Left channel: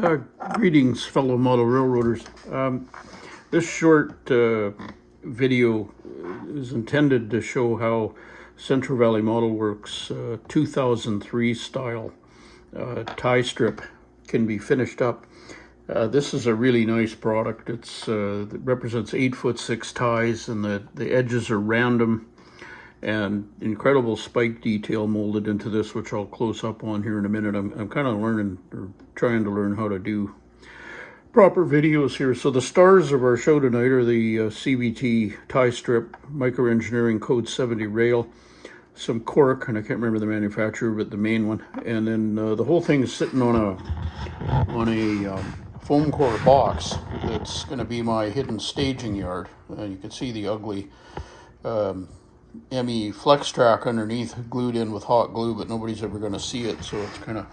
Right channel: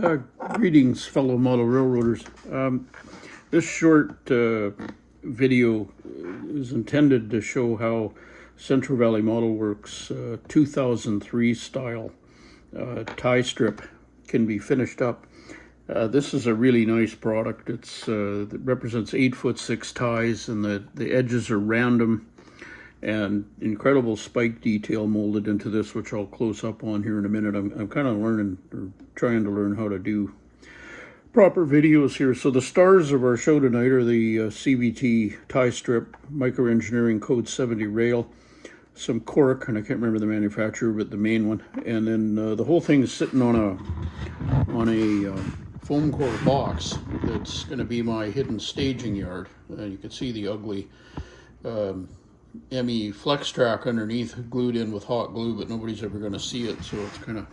Uh, Greetings, fellow model railroaders. This short video is intended to show how Central Valley Model Works 2003 style tie strip can be finished up. This is a really nice product. It represents 8'6" ties, and the edges are random and incredible spike detail molded into this, which I'll close up on here in a minute. I'm kind of learning or trying to learn how to do proper videos here. So the stars of our show tonight are the CVT tie strip, Micro Engineering Code 70 rail, some cork, and I can't remember the manufacturer, but the main one, and then the whole thing is sitting on a foam core box. That's going to be my hidden staging yard, and you can see the ugly ME flex track underneath, glued in with hot glue, but nobody's ever going to see it, so it's kind of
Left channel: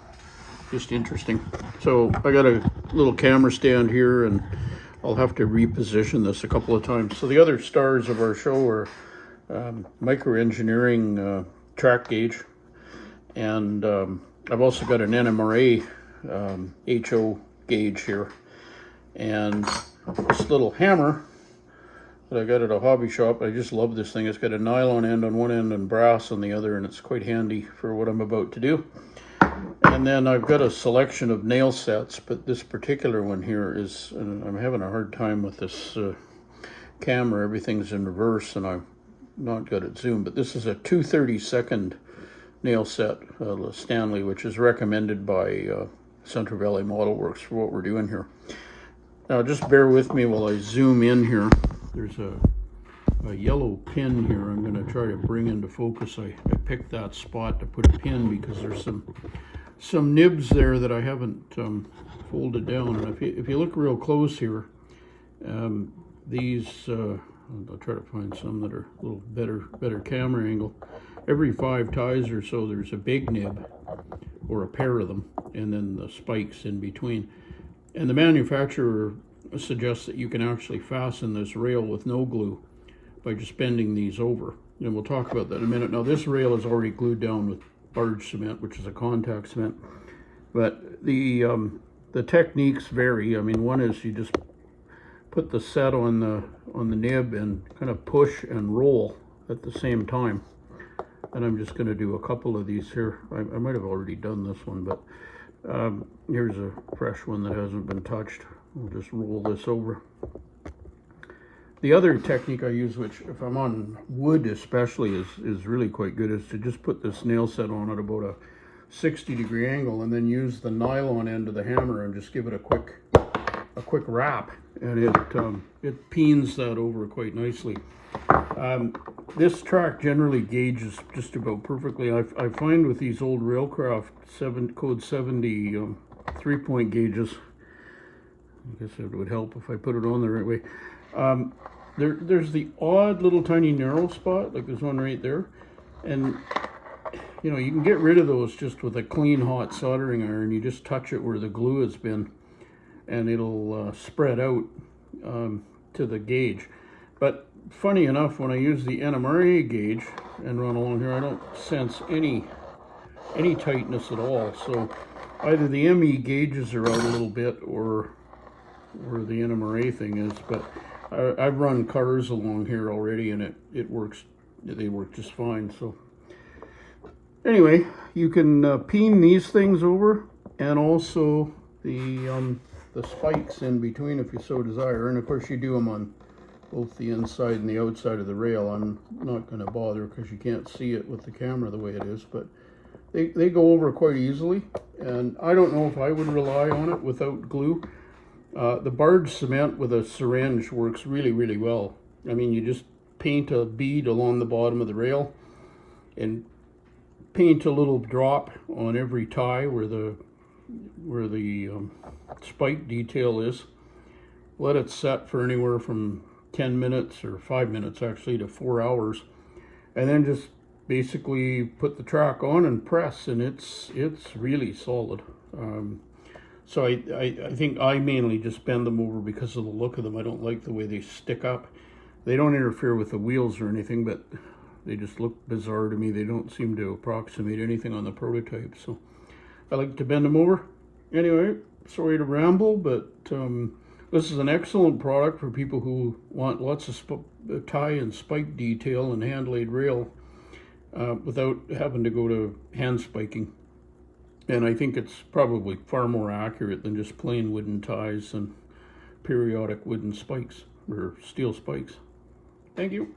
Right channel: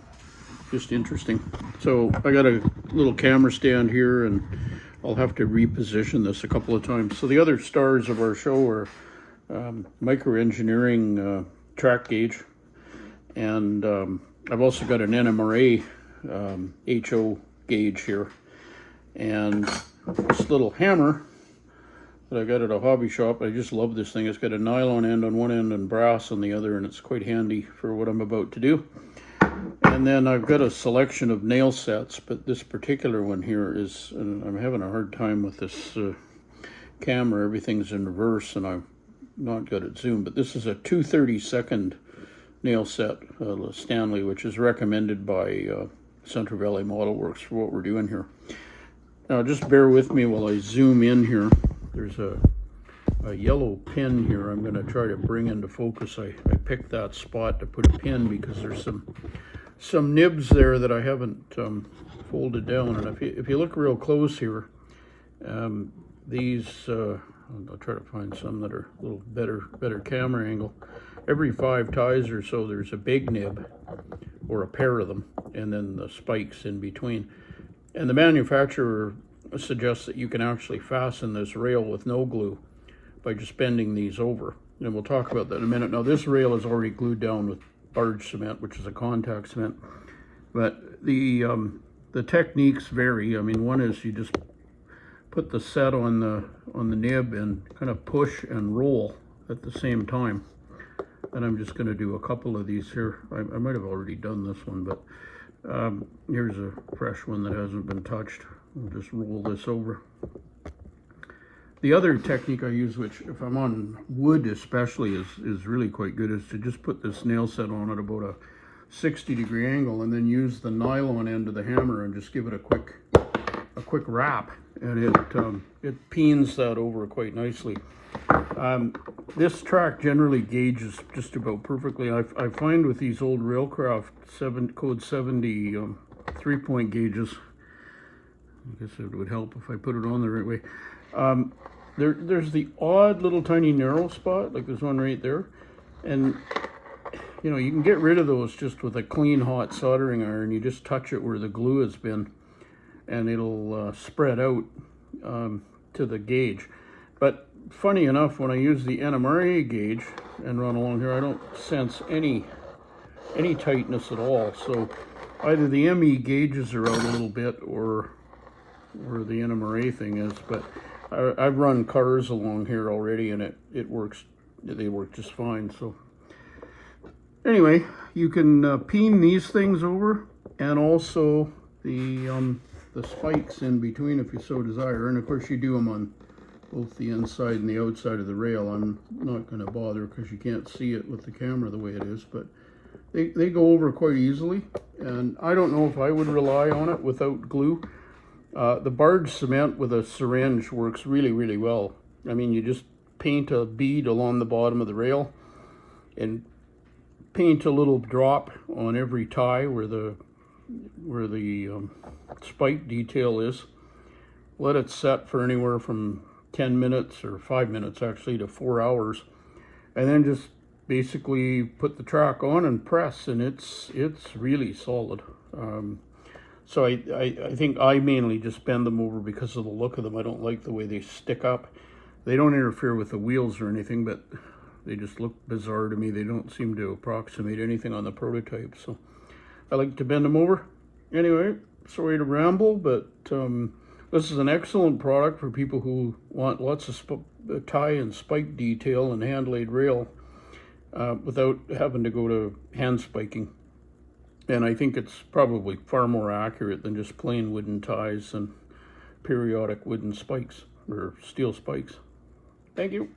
just interesting. So I got a little camera stand here, and I'll have to reposition this a couple of times. So the other stars of our show are Micro Engineering track gauge, and I've also got an NMRA HO gauge here, and this little hammer that I got at a hobby shop. I just love this thing. It's got a nylon end on one end and brass on the other, and it's quite handy for what I'm about to do. And then I've got a selection of nail sets, but this particular one here is, and I'm having a hard time with this camera. Everything's in reverse and I'm not good at zoom, but this is a 2/32 nail set, Stanley, which is recommended by Central Valley Model Works for what we're doing here. Now just bear with me while I zoom in here. There's a yellow pin here I'm going to try to bring into focus. I picked that spot to put a pin because there's some nibs there that I haven't folded down, and if you look real close here, these I'll try to find some that are a little better camera angle. Every 5 ties or so there's a big nib or a pair of them, and then the spikes in between. And the manufacturer suggests that you can actually fasten this rail with no glue by just bending these over, and we'll talk about that in a minute. Now this rail is already glued down with barge cement, which is a contact cement, but the techniques vary. I mean, one is you just put the set on the nib and kind of push and roll at the same time, and I'm just going to do a couple of these here. I might have already done this one, but here's a fresh one that hasn't been touched. We'll just roll this over. The other technique I use, which if I'm on wood especially is really quite good, is to just put this nail set on at about a 60-degree angle and then use the nylon end of the hammer and just give it a quick wrap, and it peens that over quite nicely. This track generally gauges just about perfectly. I find with these old Railcraft Code 70 3-point gauges, I guess it would help if I put it on the right way. There's the odd little tiny narrow spot, like there's one right there, and you know, you can get rid of those just with a clean hot soldering iron. You just touch it where the glue has been, and it'll spread out to the gauge. But funny enough, when I use the NMRA gauge and run along here, I don't sense any tightness at all. So either the ME gauges are out a little bit, or the NMRA thing is. But I've run cars along here already, and it works. They work just fine. So anyway, you can peen these things over, and also the spikes in between if you so desire. And of course you do them on both the inside and the outside of the rail. I'm not going to bother because you can't see it with the camera the way it is, but they go over quite easily, and I don't know if I would rely on it without glue. The barge cement with a syringe works really, really well. I mean, you just paint a bead along the bottom of the rail and paint a little drop on every tie where the spike detail is. Let it set for anywhere from 10 minutes or 5 minutes actually to 4 hours, and then just basically put the track on and press, and it's really solid. So I think I mainly just bend them over because of the look of them. I don't like the way they stick up. They don't interfere with the wheels or anything, but they just look bizarre to me. They don't seem to approximate anything on the prototype, so I like to bend them over. Anyway, sorry to ramble, but this is an excellent product for people who want lots of tie and spike detail and hand laid rail without having to go to hand spiking. And I think it's probably far more accurate than just plain wooden ties and periodic wooden spikes or steel spikes. Thank you.